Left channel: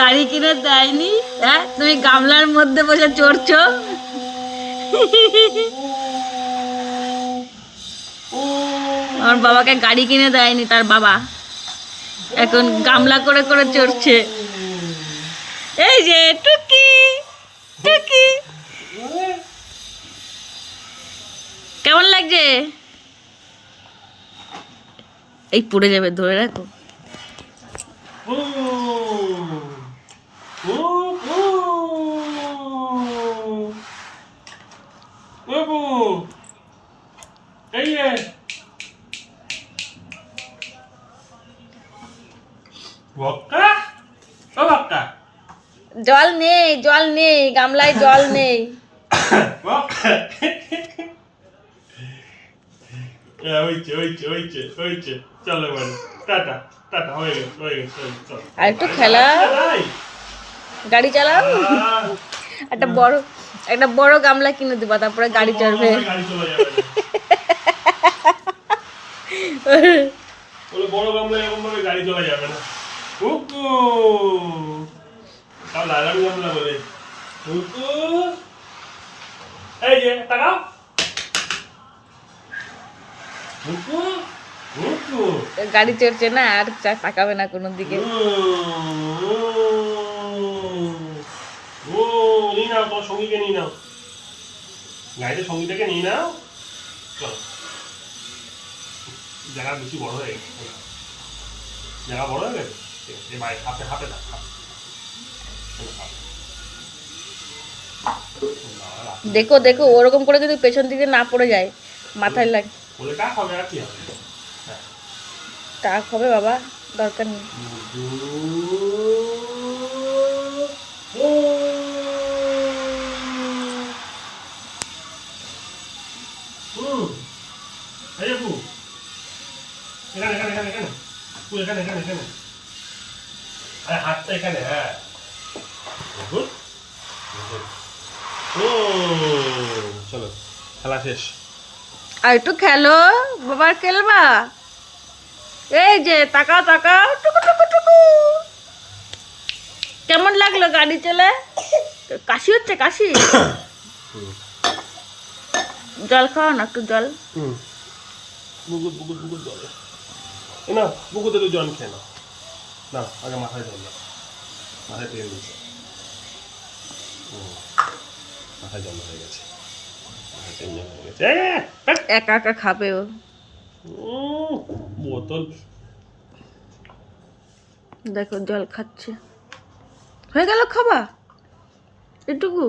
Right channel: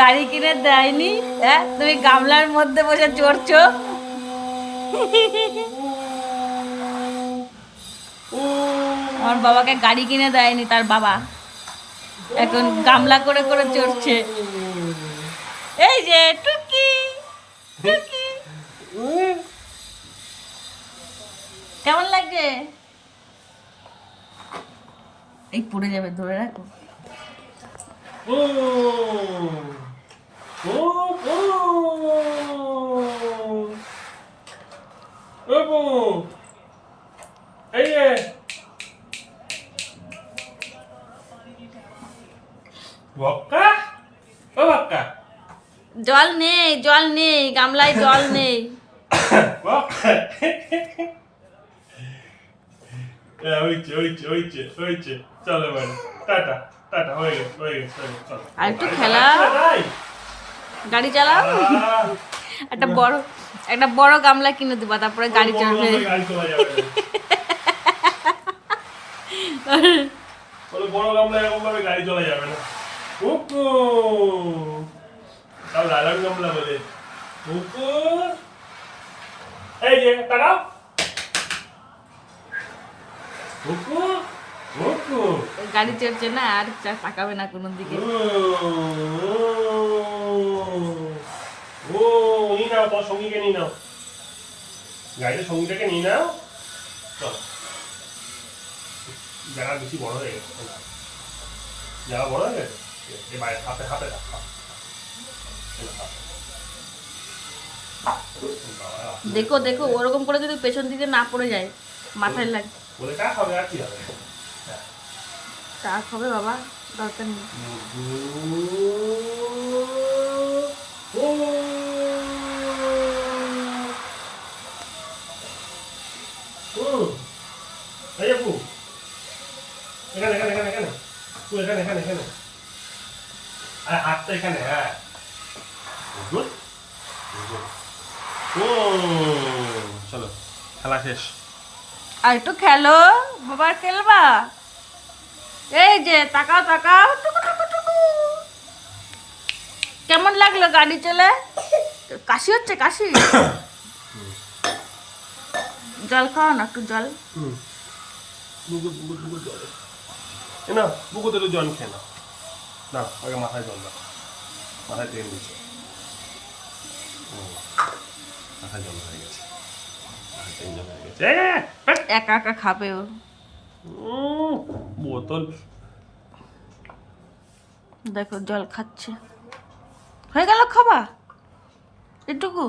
গাড়ি কিনে দেয়নি, হ্যাঁ তুমি গামলার মধ্যে বসে চড়ছো। আমার বাবাকে গাড়ি কিনে দেয়নি তার বাবা, এখন গামলা করে করে চড়ছে। এই যে টুকি টুকি, কেমন লাগছে? এই পড়ে যাবে, ধরে রাখো। জল নেই, জল নেই, গামলায় জল নেই। চলো মানে টাটা টাটা, হয়ে গেছে হয়ে গেছে। আর একটু খেলা, গাড়ি চালাও। একটা বড় গামলা কিনে দিবা, তারপরে গাড়ি চড়বে। বড় গামলা এরকম ভাবে গাড়ি চলা যাবে না। কুকু তাও লালন গামলা বলে। কুকু এই যে তাকাও। কুকু কুকু গাড়ি চড়ছে না, আর তাকাবে না কোনো দিকে। নিয়ে নাও, তোর সঙ্গীকে নিয়ে নাও, গাড়িতে সঙ্গীটাকে নিয়ে নাও। চল, জায়গা বেশি বড় হয়ে গেছে, জায়গা বড় হয়ে গেছে। এবার হাতে হাতে দাও। দেখো দেখো, ওরকম করে কিন্তু পেছন দিকে না পড়ে যায়, মাথায় লাগে। বলে টাক হবে, আর কি হবে? টাক হবে বাবা, দরকার নেই। আরে হাতটা এখানে, হ্যাঁ। চলো, খেলা শেষ। আর একটু খেলো বাবা, খেলবা। এই যে তাকাও তাকাও, টুকু টুকু টুকু। কেমন লাগলো গাড়ি চলে? কাশি হচ্ছে, কাশি। জল খাও না, একটু জল। বুকুর বুকুর বুকুর জল এ না, বুকুতে তো জল খেয়ে নাও। না, আগে মাথায় জল দাও, মাথায় তেল দিচ্ছে। মাথায় জল হয়ে গেছে, মাথায় তেল জল হয়ে গেছে। একা একা খাবে ও। বোতল দেখো জল খাচ্ছে, হয়ে গেল খাবা এটুকু।